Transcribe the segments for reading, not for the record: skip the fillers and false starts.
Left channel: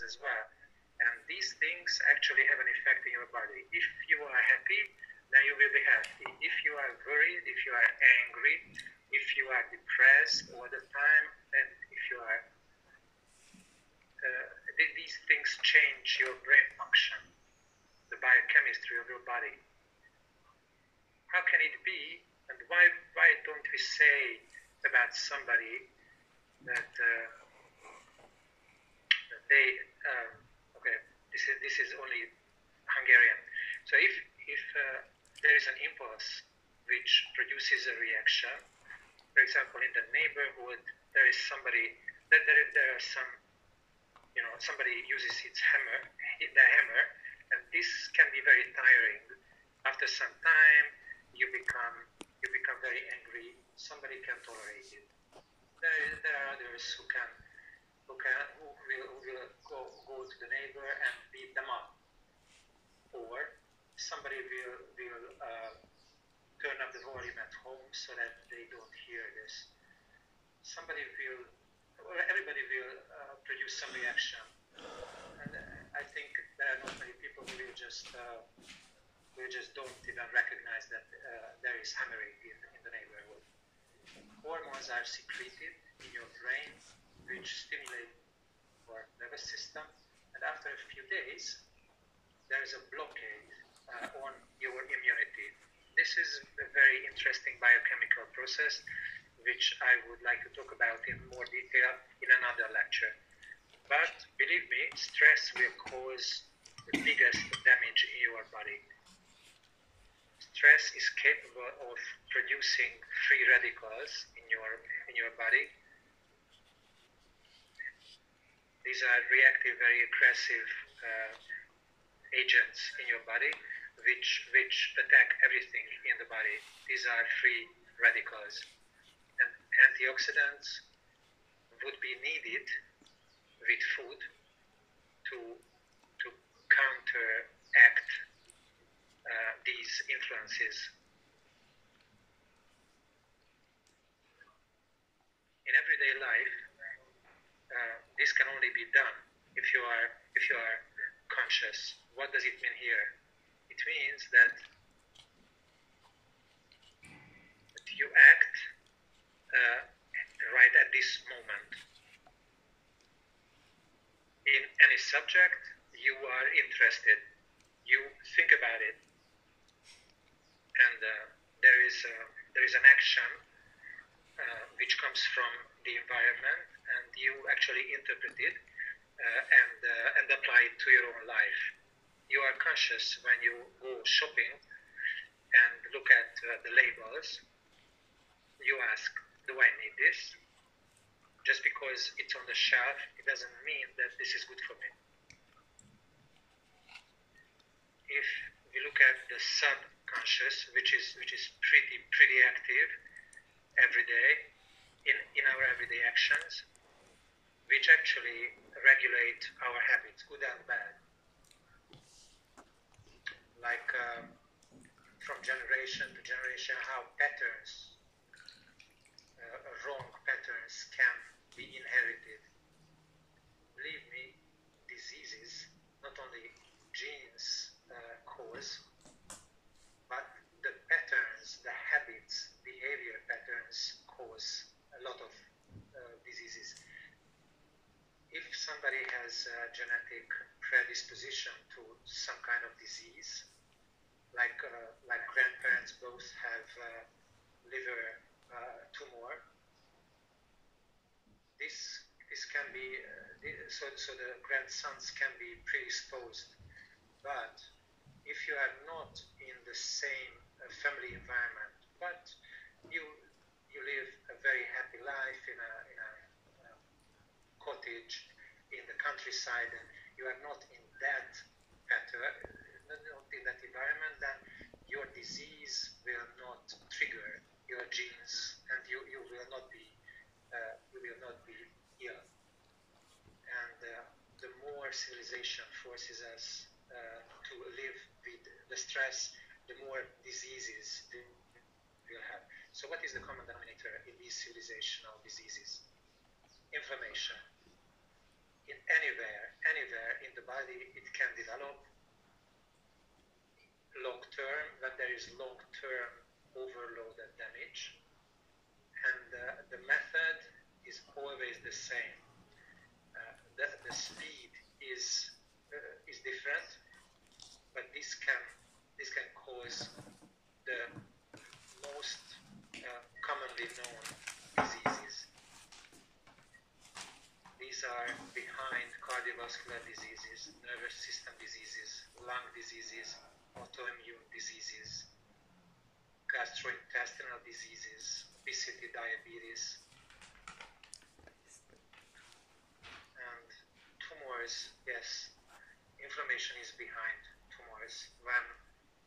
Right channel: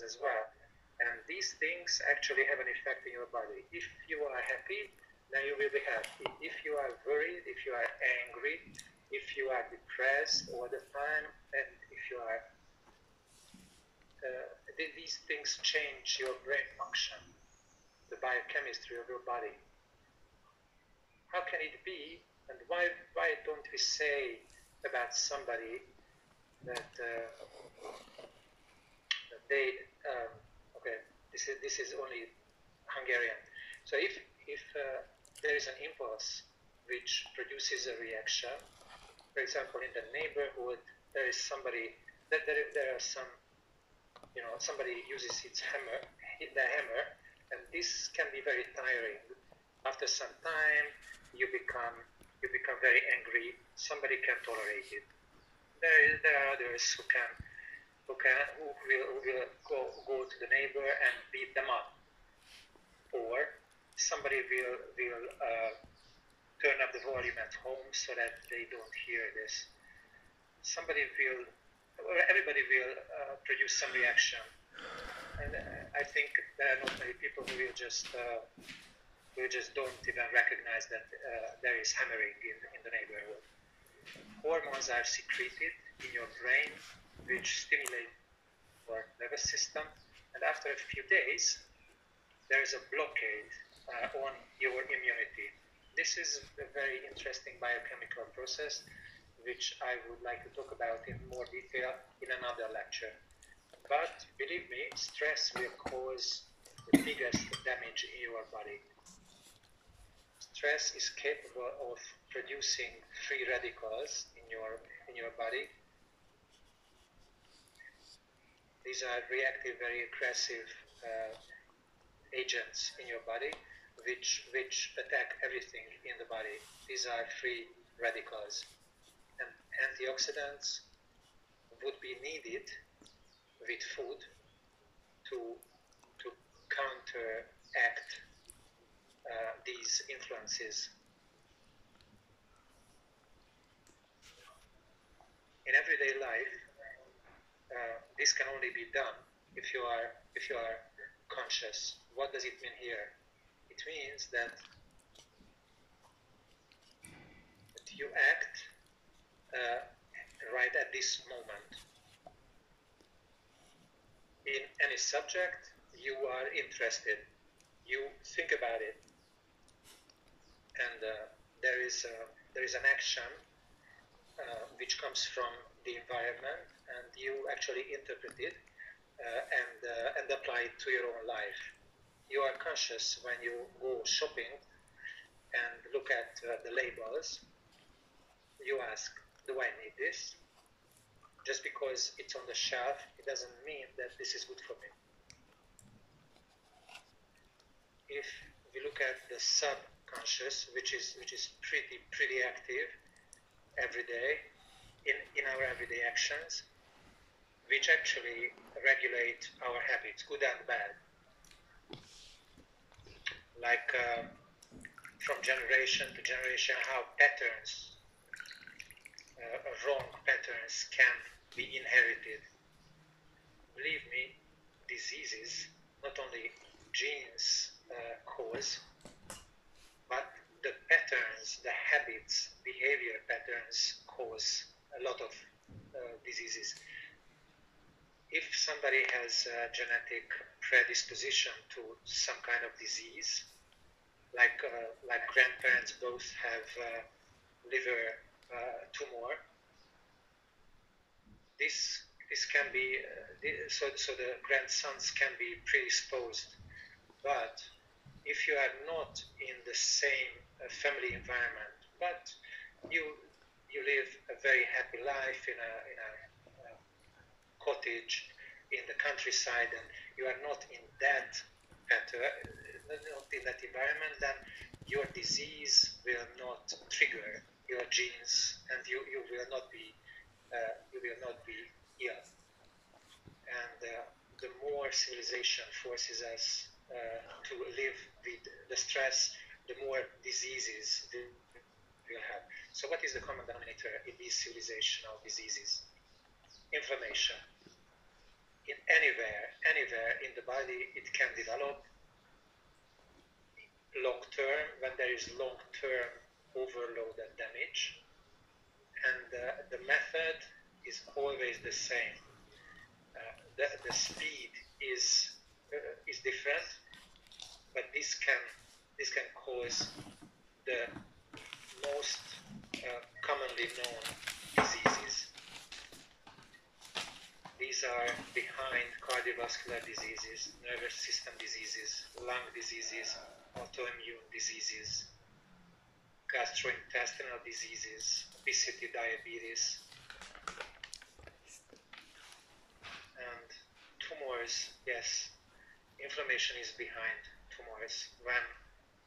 things as well. And these things actually have an effect in your body. If you are happy, then you will be happy. If you are worried, if you are angry, if you are depressed all the time, and if you are, these things change your brain function, the biochemistry of your body. How can it be? And why don't we say about somebody that they okay, this is only Hungarian. So if there is an impulse which produces a reaction, for example, in the neighborhood there is somebody that there are some, somebody uses the hammer, and this can be very tiring. After some time, you become very angry. Somebody can tolerate it. There are others who will go to the neighbor and beat them up, or somebody will turn up the volume at home so that they don't hear this. Everybody will produce some reaction, and I think there are not many people who will just don't even recognize that there is hammering in the neighborhood. Hormones are secreted in your brain which stimulate your nervous system, and after a few days there is a blockade on your immunity. This is a very interesting biochemical process which I would like to talk about in more detail in another lecture. But believe me, stress will cause the biggest damage in your body. Stress is capable of producing free radicals in your body. These are reactive, very aggressive agents in your body which attack everything in the body. These are free radicals. And antioxidants would be needed with food to counteract these influences. In everyday life, this can only be done if you are conscious. What does it mean here? It means that you act right at this moment. In any subject you are interested, you think about it, and there is an action which comes from the environment, and you actually interpret it and apply it to your own life. You are conscious when you go shopping and look at the labels. You ask, do I need this? Just because it's on the shelf, it doesn't mean that this is good for me. If we look at the subconscious, which is pretty active every day in our everyday actions, which actually regulate our habits, good and bad. Like from generation to generation, how patterns, wrong patterns can be inherited. Believe me, diseases not only genes cause, but the patterns, the habits, behavior patterns cause a lot of diseases. If somebody has a genetic predisposition to some kind of disease, like grandparents both have liver tumor, this can be so the grandsons can be predisposed. But if you are not in the same family environment, but you live a very happy life in a cottage in the countryside, and you are not in that pattern, not in that environment, then your disease will not trigger your genes, and you will not be ill. And the more civilization forces us to live with the stress, the more diseases we'll have. So what is the common denominator in these civilizational diseases? Inflammation. in anywhere in the body, it can develop long term when there is long term overload and damage. And the method is always the same. The speed is different, but this can cause the most commonly known diseases. These are behind cardiovascular diseases, nervous system diseases, lung diseases, autoimmune diseases, gastrointestinal diseases, obesity, diabetes, and tumors. Yes, inflammation is behind tumors. When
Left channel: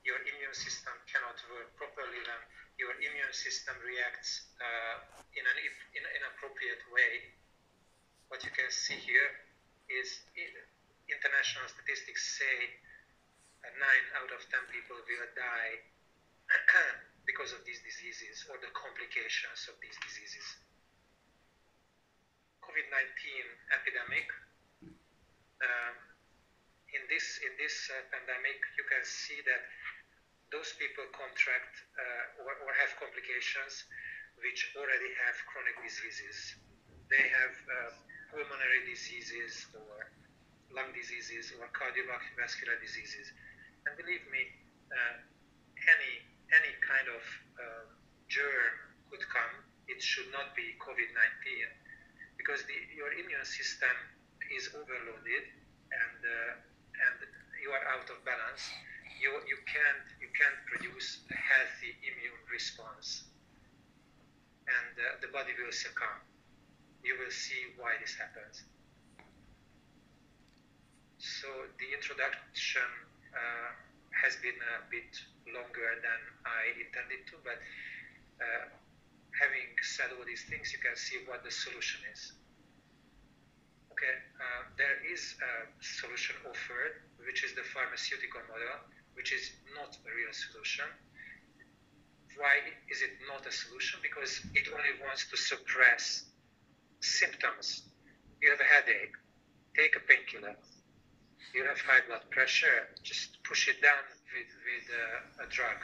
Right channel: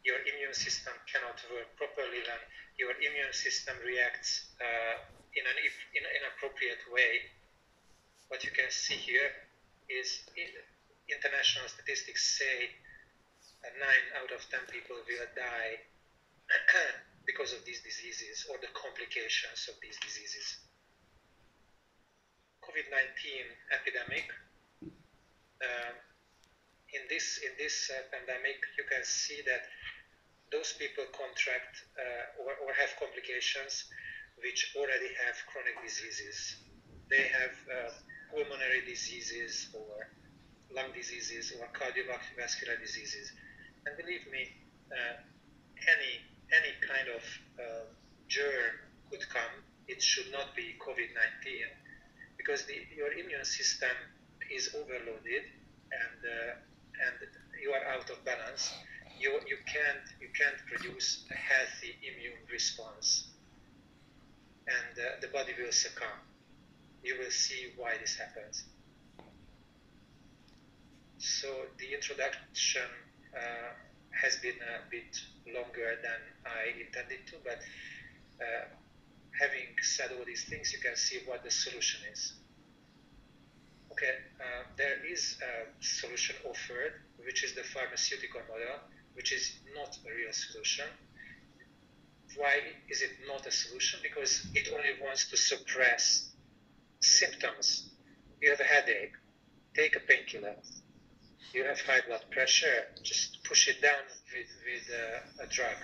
your immune system cannot work properly, when your immune system reacts in an inappropriate way, what you can see here is international statistics say 9 out of 10 people will die because of these diseases or the complications of these diseases. COVID-19 epidemic. In this pandemic, you can see that those people contract or have complications which already have chronic diseases. They have pulmonary diseases or lung diseases or cardiovascular diseases. And believe me, any kind of germ could come. It should not be COVID-19 because your immune system is overloaded and you are out of balance. You can't produce a healthy immune response, and the body will succumb. You will see why this happens. So the introduction has been a bit longer than I intended to, but having said all these things, you can see what the solution is. Okay, there is a solution offered, which is the pharmaceutical model, which is not a real solution. Why is it not a solution? Because it only wants to suppress symptoms. You have a headache, take a painkiller. You have high blood pressure, just push it down with a drug.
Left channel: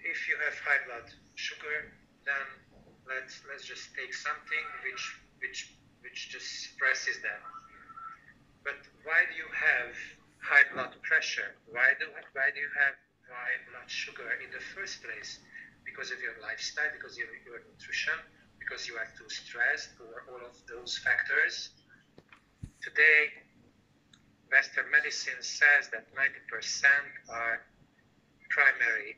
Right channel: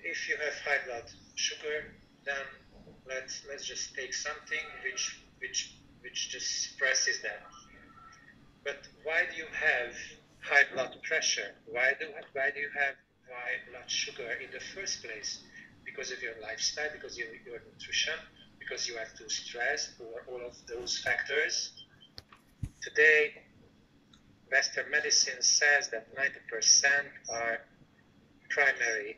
If you have high blood sugar, then let's just take something which just suppresses that. But why do you have high blood pressure? Why do you have high blood sugar in the first place? Because of your lifestyle, because of your nutrition, because you are too stressed, or all of those factors. Today, Western medicine says that 90% are primary.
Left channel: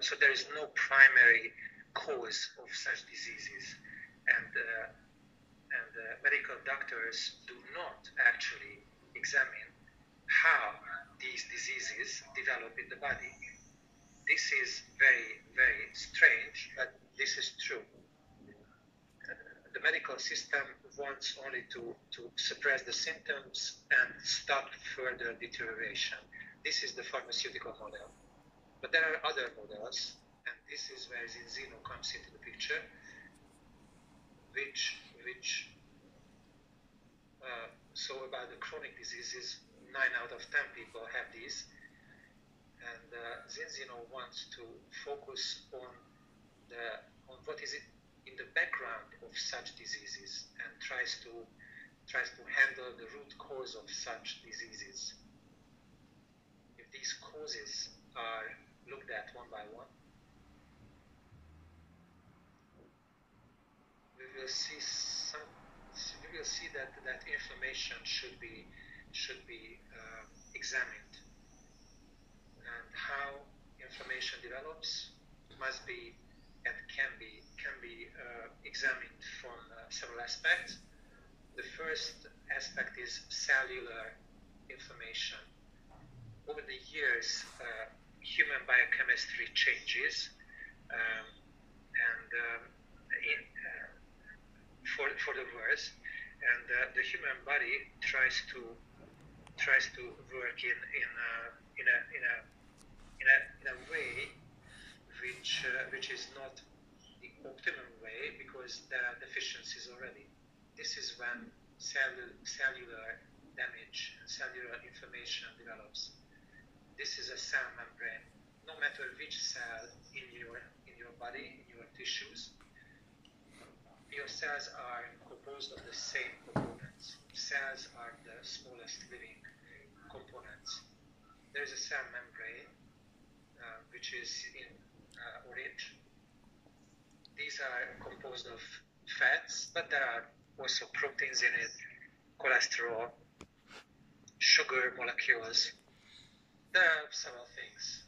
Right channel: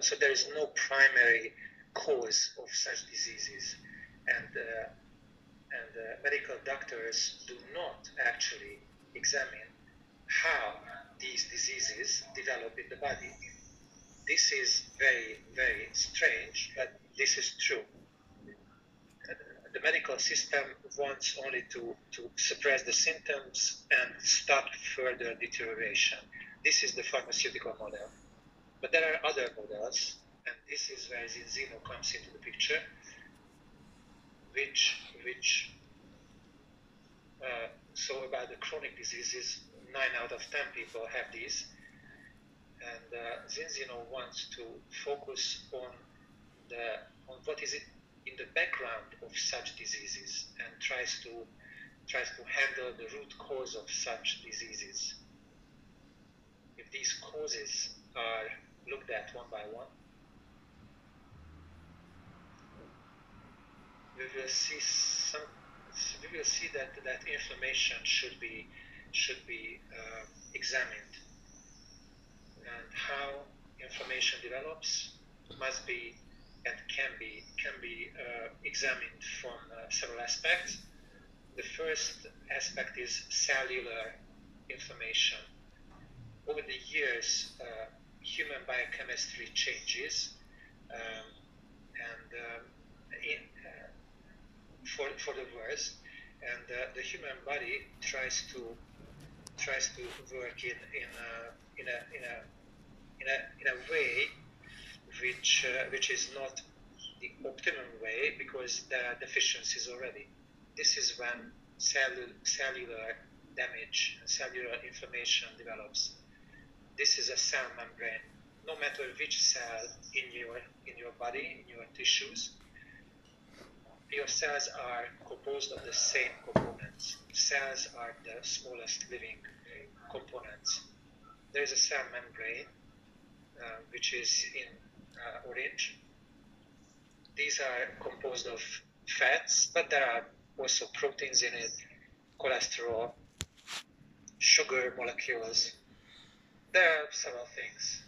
So there is no primary cause of such diseases, and medical doctors do not actually examine how these diseases develop in the body. This is very, very strange, but this is true. The medical system wants only to suppress the symptoms and stop further deterioration. This is the pharmaceutical model. But there are other models, and this is where Zinzino comes into the picture, which so about the chronic diseases, 9 out of 10 people have these, and Zinzino wants to focus on what is it in the background of such diseases, and tries to handle the root cause of such diseases. If these causes are looked at one by one, we will see that inflammation should be examined, and how inflammation develops must be and can be examined from several aspects. The first aspect is cellular inflammation. Over the years, human biochemistry changes, for the worse, and the human body tries to work in a way which is not the optimum way because there are deficiencies already. This is when cellular damage and cellular inflammation develops. This is a cell membrane. No matter which cell in your body, in your tissues, your cells are composed of the same components. Cells are the smallest living components. There is a cell membrane, which is in orange. These are composed of fats, but there are also proteins in it, cholesterol, sugar molecules. There are several things.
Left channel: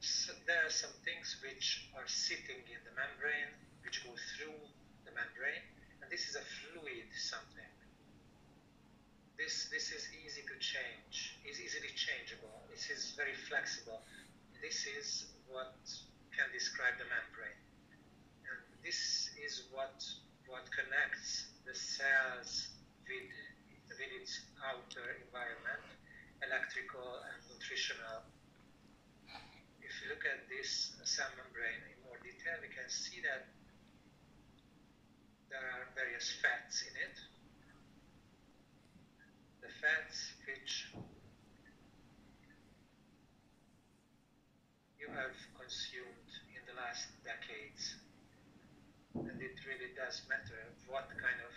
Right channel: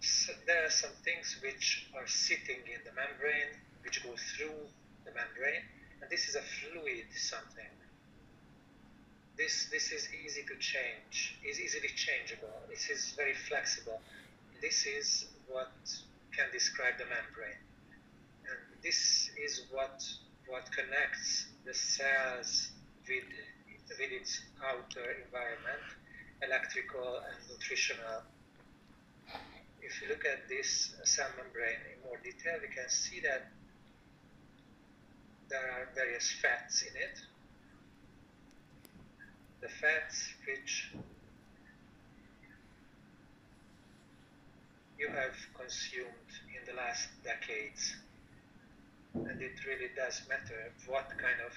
So there are some things which are sitting in the membrane, which go through the membrane, and this is a fluid something. This is easy to change, is easily changeable. This is very flexible. This is what can describe the membrane. And this is what connects the cells with its outer environment, electrical and nutritional. If you look at this cell membrane in more detail, we can see that there are various fats in it. The fats which you have consumed in the last decades. And it really does matter what kind of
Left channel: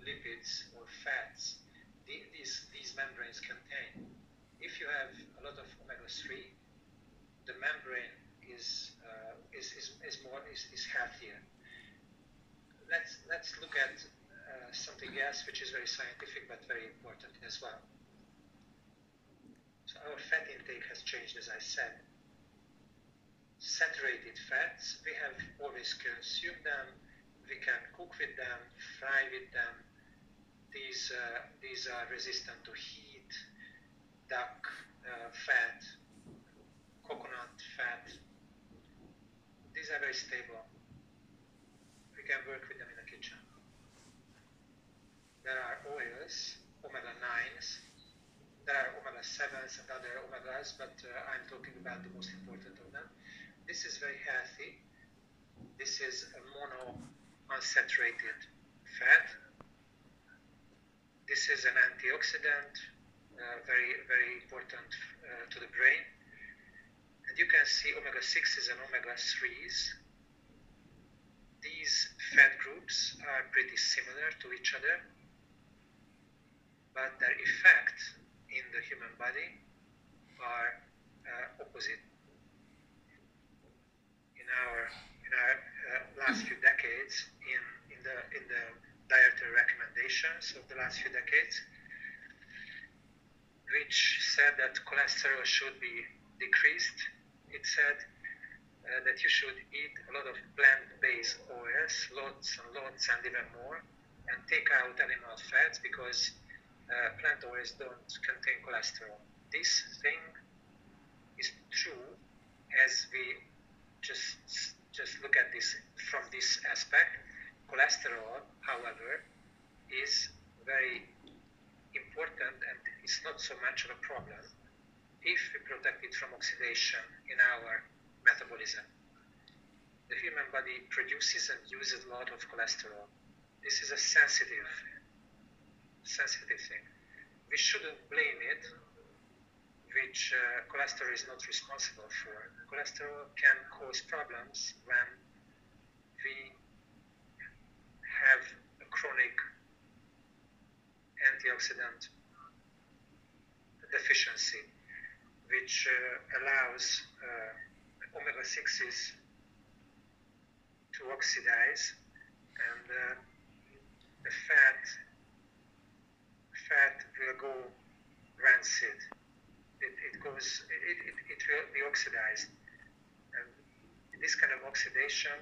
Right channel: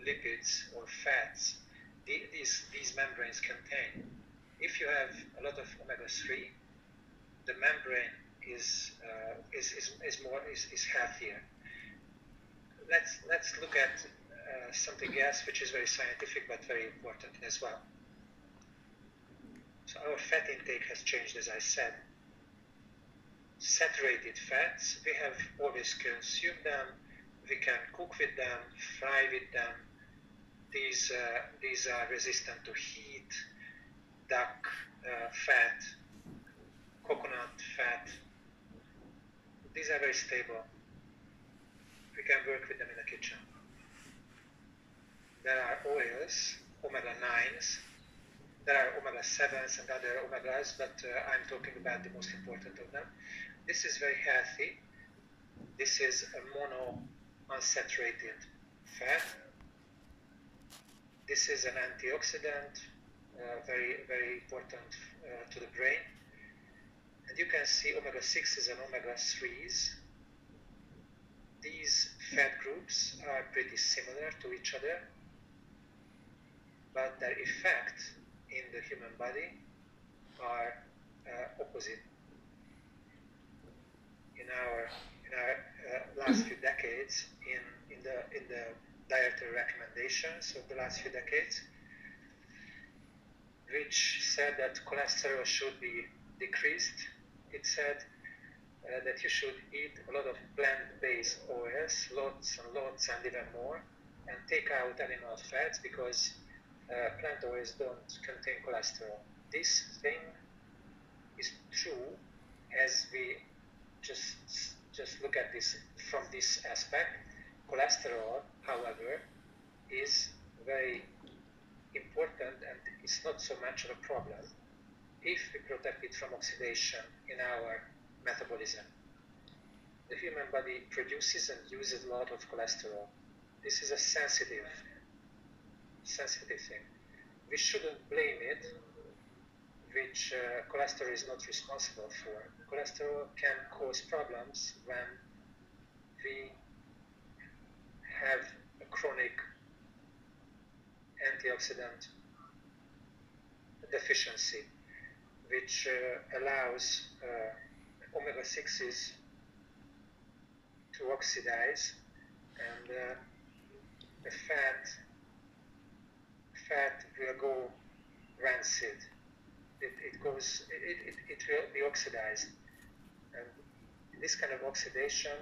lipids or fats these membranes contain. If you have a lot of omega-3, the membrane is healthier. Let's look at something else which is very scientific but very important as well. So our fat intake has changed, as I said. Saturated fats, we have always consumed them. We can cook with them, fry with them. These are resistant to heat. Duck fat, coconut fat. These are very stable. We can work with them in the kitchen. There are oils, omega-9s. There are omega-7s and other omegas, but I'm talking about the most important of them. This is very healthy. This is a monounsaturated fat. This is an antioxidant, very, very important to the brain. And you can see omega-6s and omega-3s. These fat groups are pretty similar to each other, but their effect in the human body are opposite. In our last few decades, in the dietary recommendations of the last few decades, which said that cholesterol should be decreased, it said that you should eat a lot of plant-based oils, lots and lots and even more, and take out animal fats because plant oils don't contain cholesterol. This thing is true as we just look at this from this aspect. Cholesterol, however, is very important and it's not so much of a problem if we protect it from oxidation in our metabolism. The human body produces and uses a lot of cholesterol. This is a sensitive thing. We shouldn't blame it, which cholesterol is not responsible for. Cholesterol can cause problems when we have a chronic antioxidant deficiency, which allows omega-6s to oxidize, and the fat will go rancid. It will be oxidized, and this kind of oxidation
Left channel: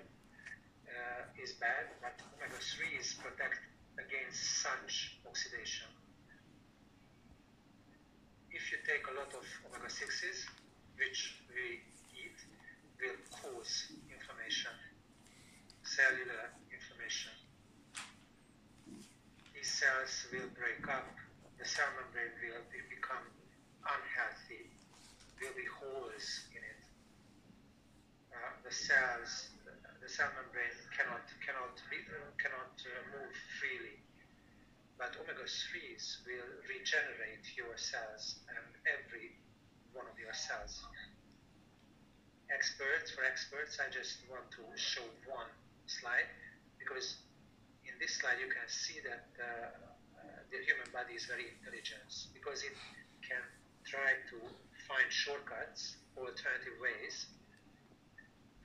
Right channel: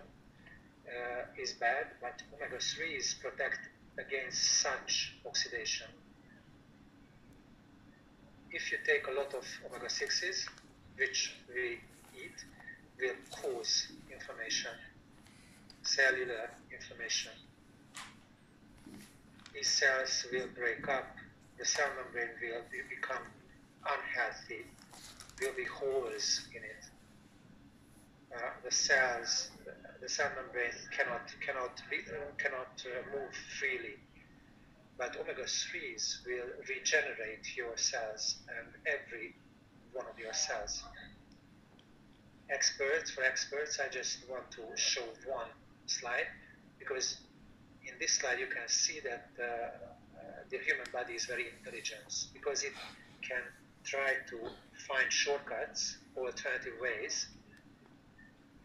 is bad, but omega-3s protect against such oxidation. If you take a lot of omega-6s, which we eat, will cause inflammation, cellular inflammation. These cells will break up, the cell membrane will become unhealthy, will be holes in it. The cells, the cell membrane cannot move freely. But omega-3s will regenerate your cells and every one of your cells. For experts, I just want to show one slide, because in this slide you can see that the human body is very intelligent, because it can try to find shortcuts, alternative ways,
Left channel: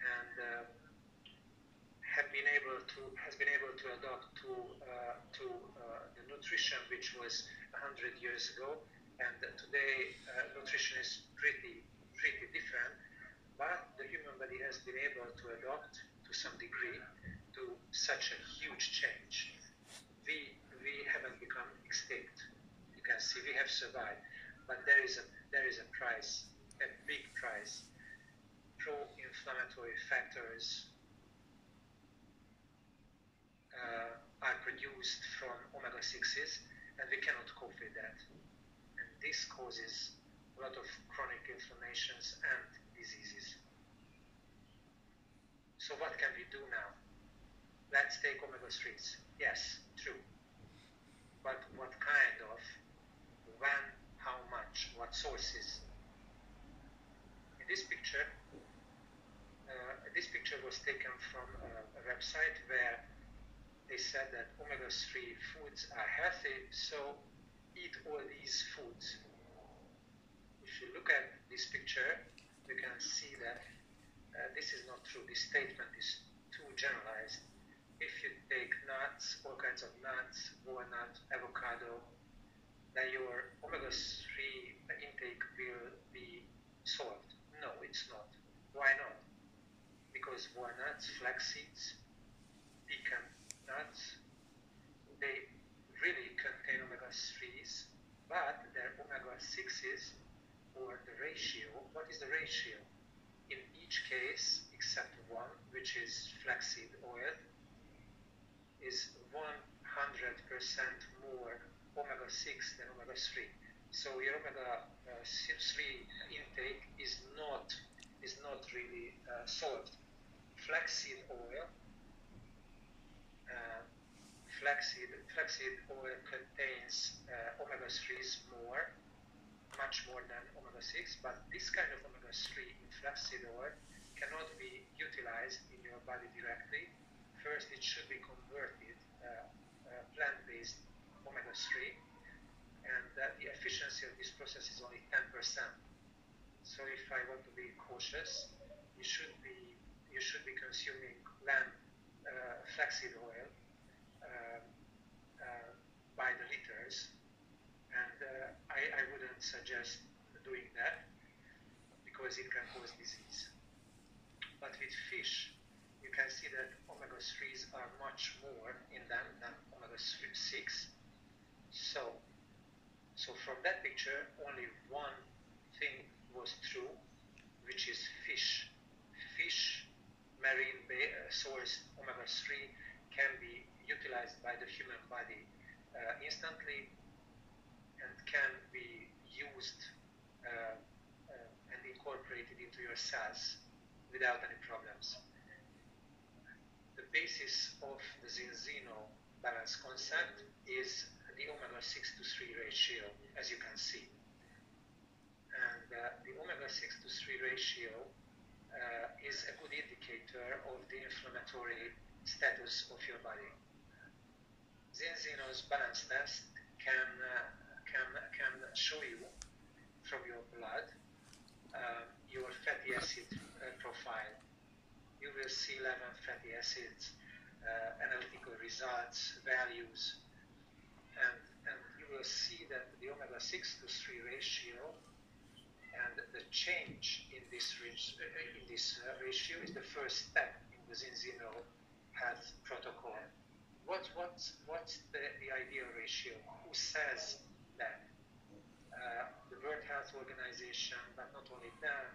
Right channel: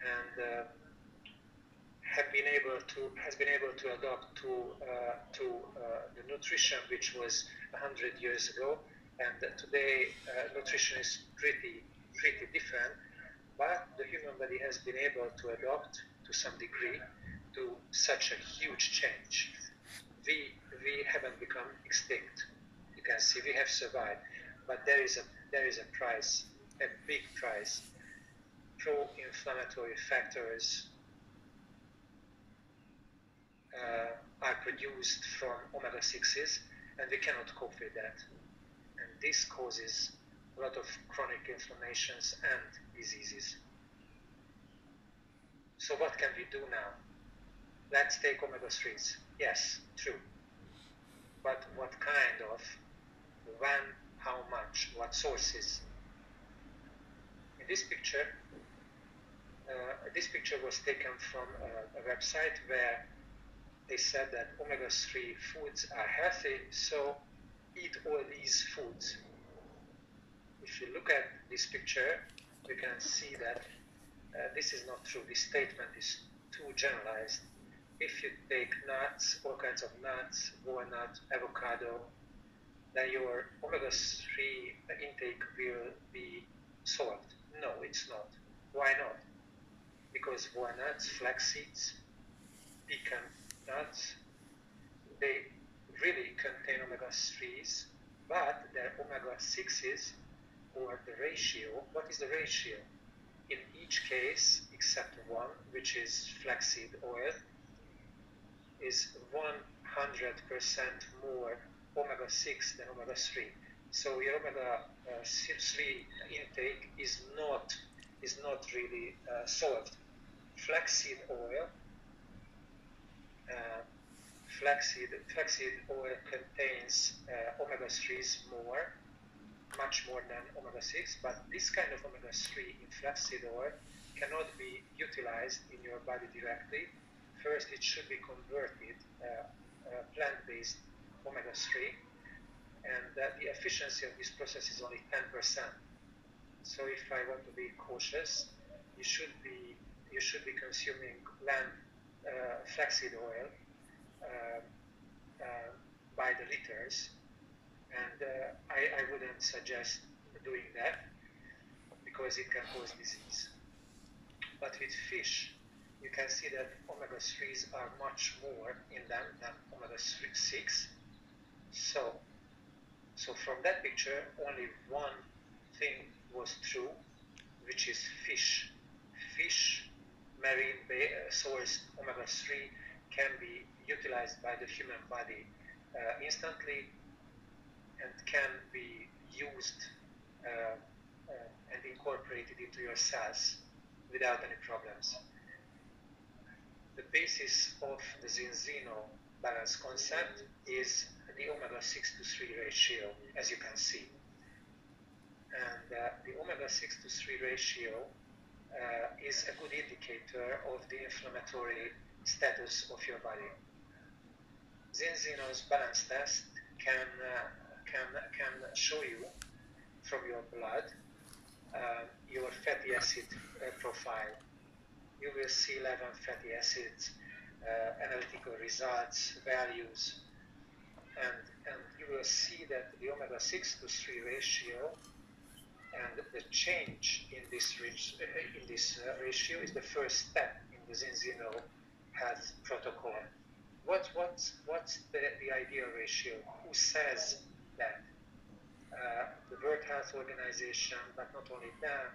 and has been able to adapt to the nutrition which was 100 years ago, and today nutrition is pretty different, but the human body has been able to adapt to some degree to such a huge change. We haven't become extinct. You can see we have survived, but there is a price, a big price. Pro-inflammatory factors are produced from omega-6s, and we cannot cope with that. And this causes a lot of chronic inflammations and diseases. So what can we do now? Let's take omega-3s. Yes, true. But what kind of, when, how much, what sources? In this picture was taken from a website where they said that omega-3 foods are healthy, so eat all these foods. If you look at this picture, you can see that this is not true. This statement is too generalized. If you take nuts, all kinds of nuts, walnut, avocado, then your omega-3 intake will be solved. No, it's not. Why not? Because walnuts, flax seeds, pecan nuts, they really contain omega-3s, but their omega-6s, or the ratio, what is the ratio? In each case, except one, which is flaxseed oil, is 100% more omega-6 than omega-3. So your omega-3 intake is not really solved. Flaxseed oil contains omega-3s much more than omega-6, but this kind of omega-3 in flaxseed oil cannot be utilized in your body directly. First, it should be converted plant-based omega-3, and the efficiency of this process is only 10%. So if I want to be cautious, you should be consuming flaxseed oil by the liters, and I wouldn't suggest doing that because it can cause disease. But with fish, you can see that omega-3s are much more in them than omega-6. So from that picture, only one thing was true, which is fish. Marine sourced omega-3 can be utilized by the human body instantly and can be used and incorporated into your cells without any problems. The basis of the Zinzino balance concept is the omega-6 to 3 ratio, as you can see. And the omega-6 to 3 ratio is a good indicator of the inflammatory status of your body. Zinzino's balance test can show you from your blood your fatty acid profile. You will see 11 fatty acids, analytical results, values, and you will see that the omega-6 to 3 ratio and the change in this ratio is the first step in the Zinzino health protocol. What's the ideal ratio? Who says that? The World Health Organization, but not only them,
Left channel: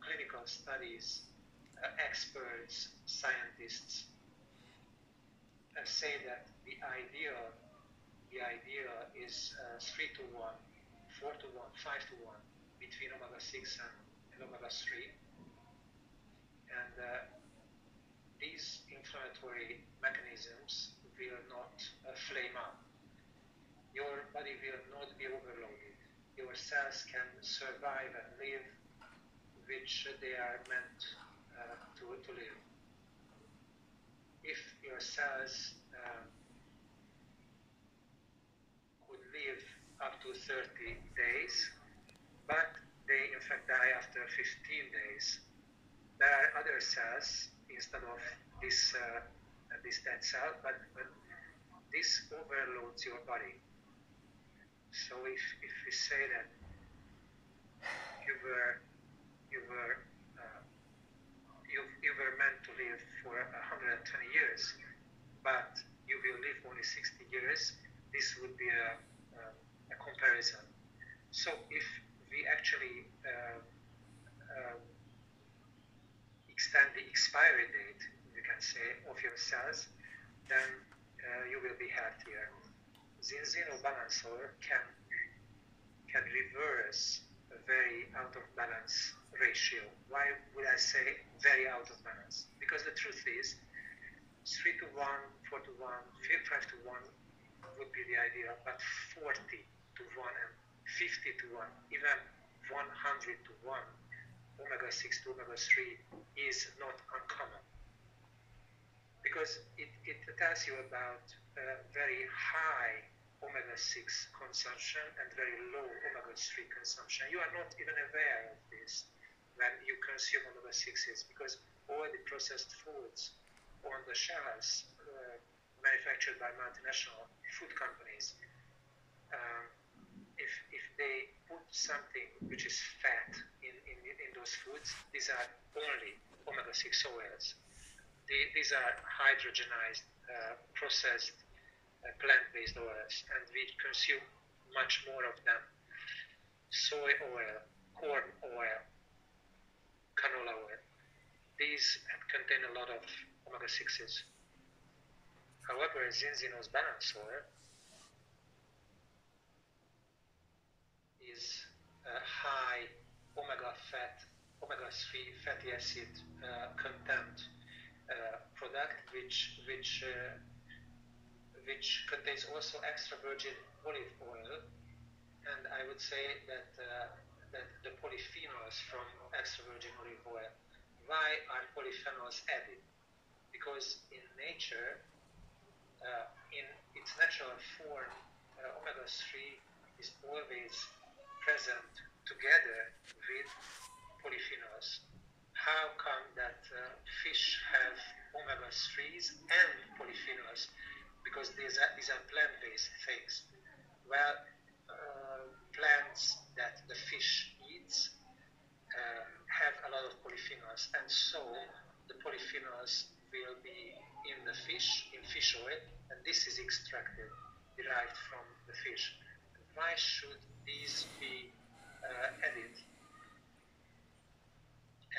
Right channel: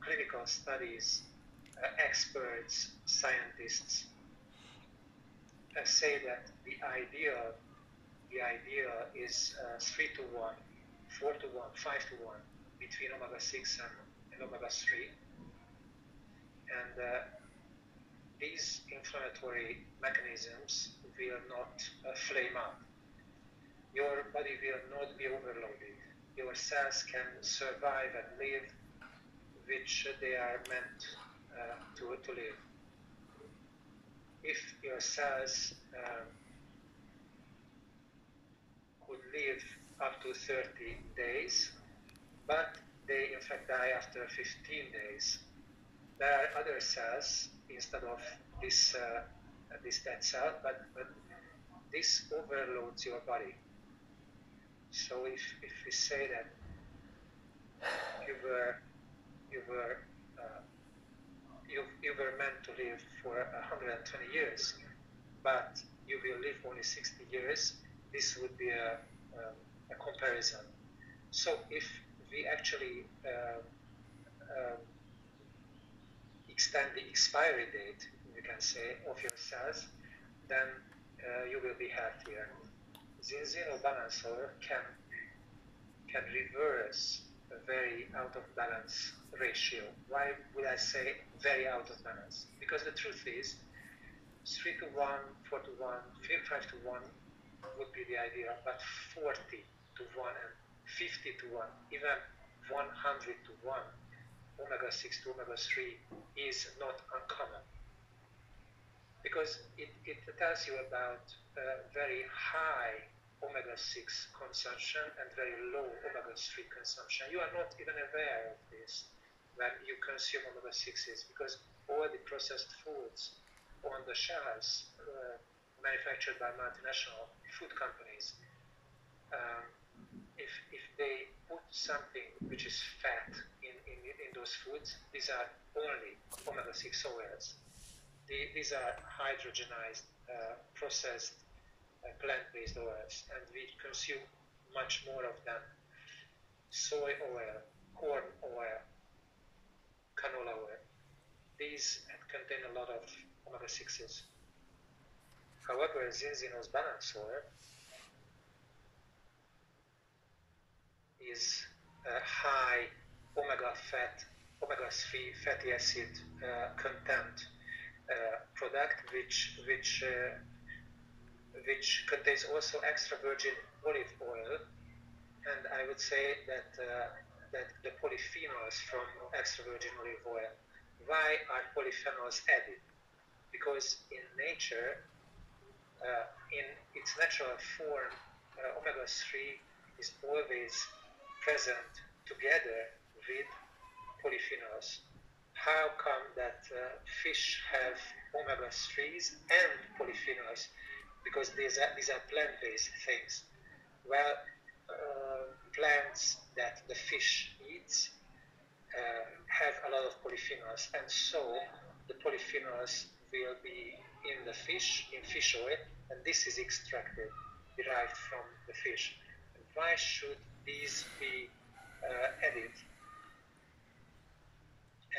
clinical studies, experts, scientists say that the ideal is 3 to 1, 4 to 1, 5 to 1 between omega-6 and omega-3. And these inflammatory mechanisms will not flame up. Your body will not be overloaded. Your cells can survive and live, which they are meant to live. If your cells could live up to 30 days, but they in fact die after 15 days, there are other cells instead of this dead cell, but this overloads your body. So if we say that you were meant to live for 120 years, but you will live only 60 years, this would be a comparison. So if we actually extend the expiry date, you can say, of your cells, then you will be healthier. Zinzino balancer can reverse a very out of balance ratio. Why would I say very out of balance? Because the truth is 3 to 1, 4 to 1, 5 to 1 would be the ideal, but 40 to 1 and 50 to 1, even 100 to 1, omega-6 to omega-3 is not uncommon. Because it tells you about very high omega-6 consumption and very low omega-3 consumption. You are not even aware of this when you consume omega-6s, because all the processed foods on the shelves manufactured by multinational food companies, if they put something which is fat in those foods, these are only omega-6 oils. These are hydrogenized, processed plant-based oils, and we consume much more of them. Soy oil, corn oil, canola oil. These contain a lot of omega-6s. However, Zinzino's balance oil is a high omega-3 fatty acid content product, which contains also extra virgin olive oil, and I would say that the polyphenols from extra virgin olive oil. Why are polyphenols added? Because in nature, in its natural form, omega-3 is always present together with polyphenols. How come that fish have omega-3s and polyphenols? Because these are plant-based things. Well, plants that the fish eats have a lot of polyphenols, and so the polyphenols will be in the fish, in fish oil, and this is extracted, derived from the fish. Why should these be added?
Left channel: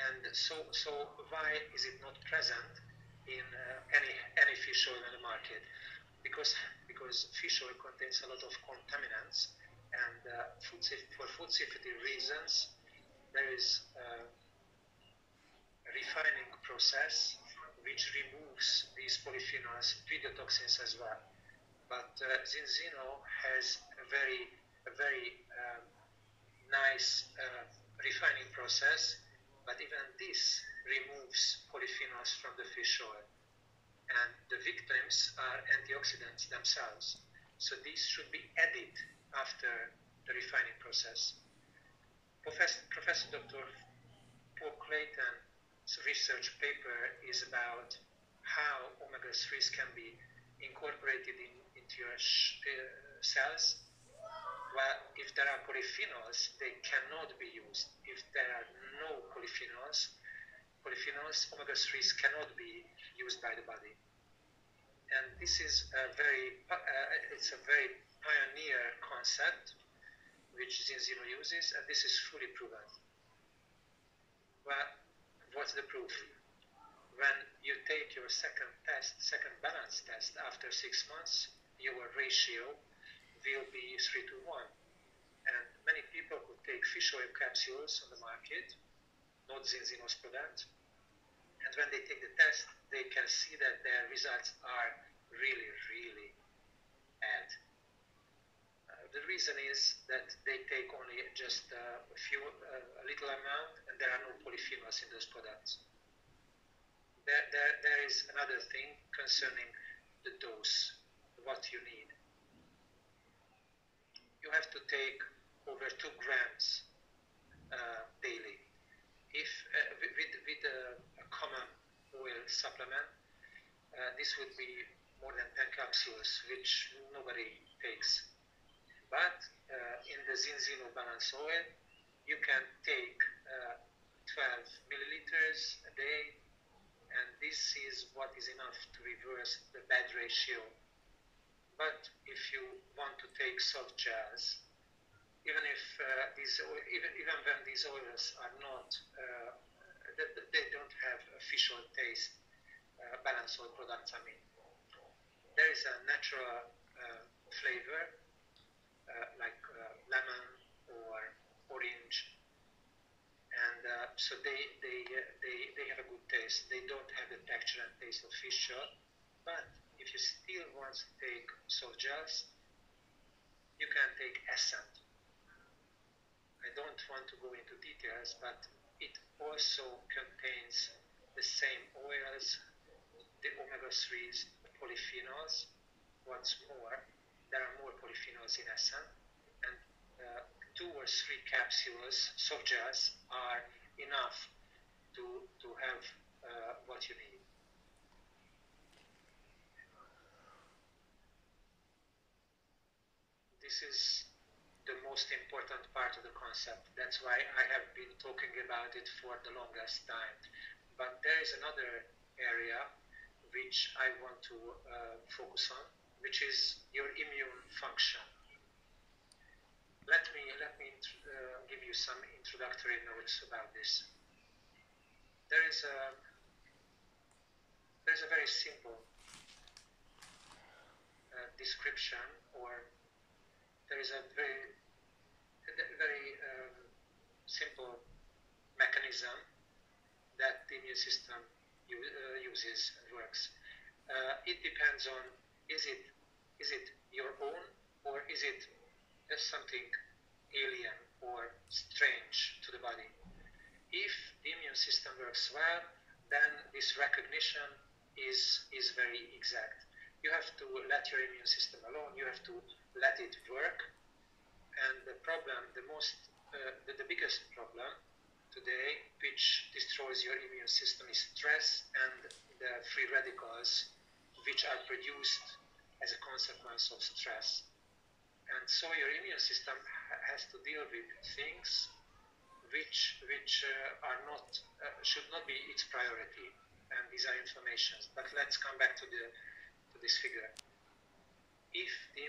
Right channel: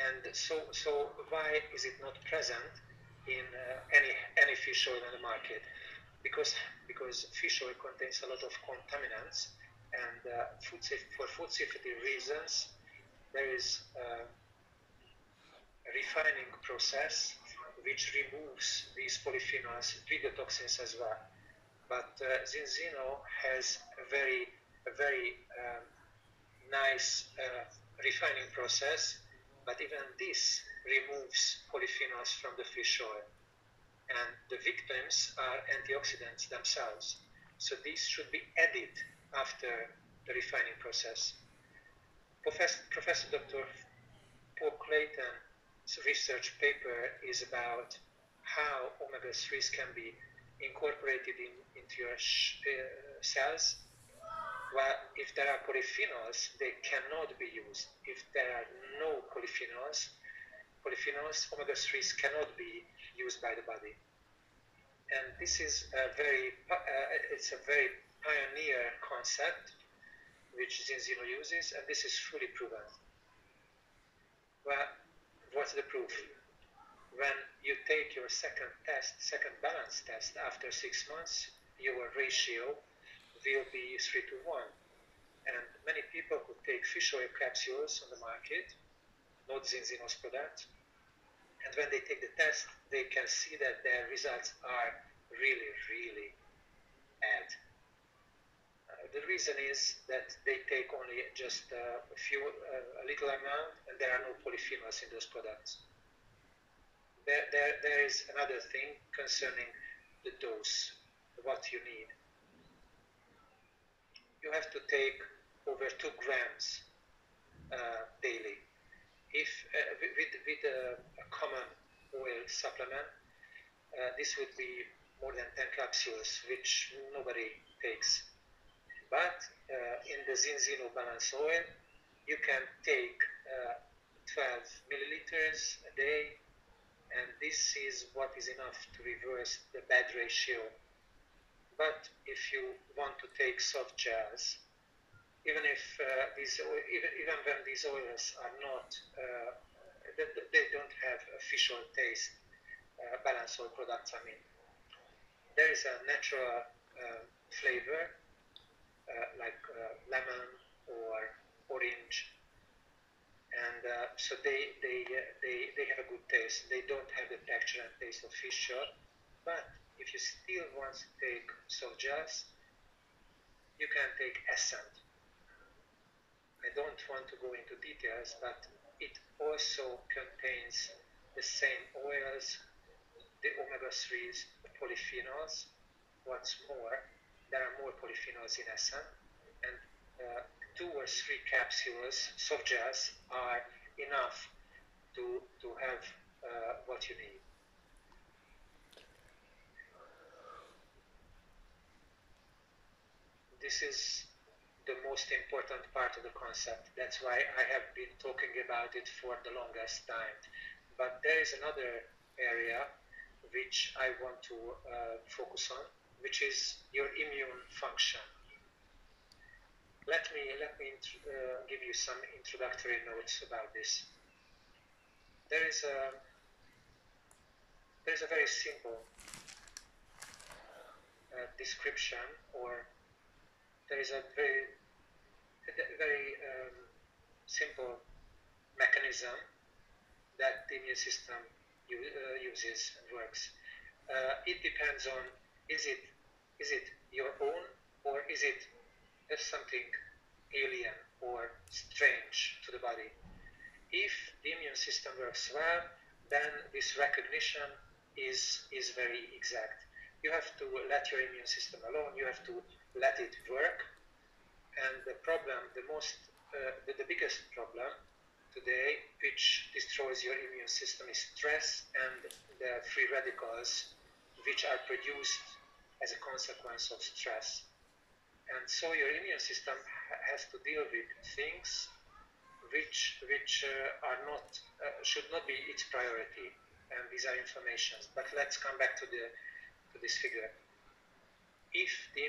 And so why is it not present in any fish oil on the market? Because fish oil contains a lot of contaminants, and for food safety reasons, there is a refining process which removes these polyphenols with the toxins as well. But Zinzino has a very nice refining process, but even this removes polyphenols from the fish oil. And the victims are antioxidants themselves. So these should be added after the refining process. Professor Dr. Paul Clayton's research paper is about how omega-3s can be incorporated into your cells. Well, if there are polyphenols, they cannot be used. If there are no polyphenols, omega-3s cannot be used by the body. And this is it's a very pioneer concept which Zinzino uses, and this is fully proven. Well, what's the proof? When you take your second balance test after 6 months, your ratio will be 3 to 1. And many people who take fish oil capsules on the market, not Zinzino's product, And when they take the test, they can see that their results are really, really bad. The reason is that they take only just a little amount, and there are no polyphenols in those products. There is another thing concerning the dose, what you need. You have to take over 2 grams daily. If with a common oil supplement, this would be more than 10 capsules, which nobody takes. But in the Zinzino Balance Oil, you can take 12 milliliters a day, and this is what is enough to reverse the bad ratio. But if you want to take soft gels, even if even when these oils are not, they don't have official taste, balance oil products, I mean, there is a natural flavor like lemon or orange, and so they have a good taste. They don't have the texture and taste of fish oil, but if you still want to take soft gels, you can take Essent. I don't want to go into details, but it also contains the same oils, the omega-3s, the polyphenols. What's more, there are more polyphenols in Essent, and 2 or 3 capsules, soft gels, are enough to have what you need. This is the most important part of the concept. That's why I have been talking about it for the longest time. But there is another area which I want to focus on, which is your immune function. Let me give you some introductory notes about this. There is a very simple description, or there is a very simple mechanism that the immune system uses and works. It depends on is it your own, or is it something alien or strange to the body. If the immune system works well, then this recognition is very exact. You have to let your immune system alone. You have to let it work. And the problem, the biggest problem today, which destroys your immune system, is stress and the free radicals, which are produced as a consequence of stress. And so your immune system has to deal with things which are not should not be its priority, and these are inflammations. But let's come back to this figure. If the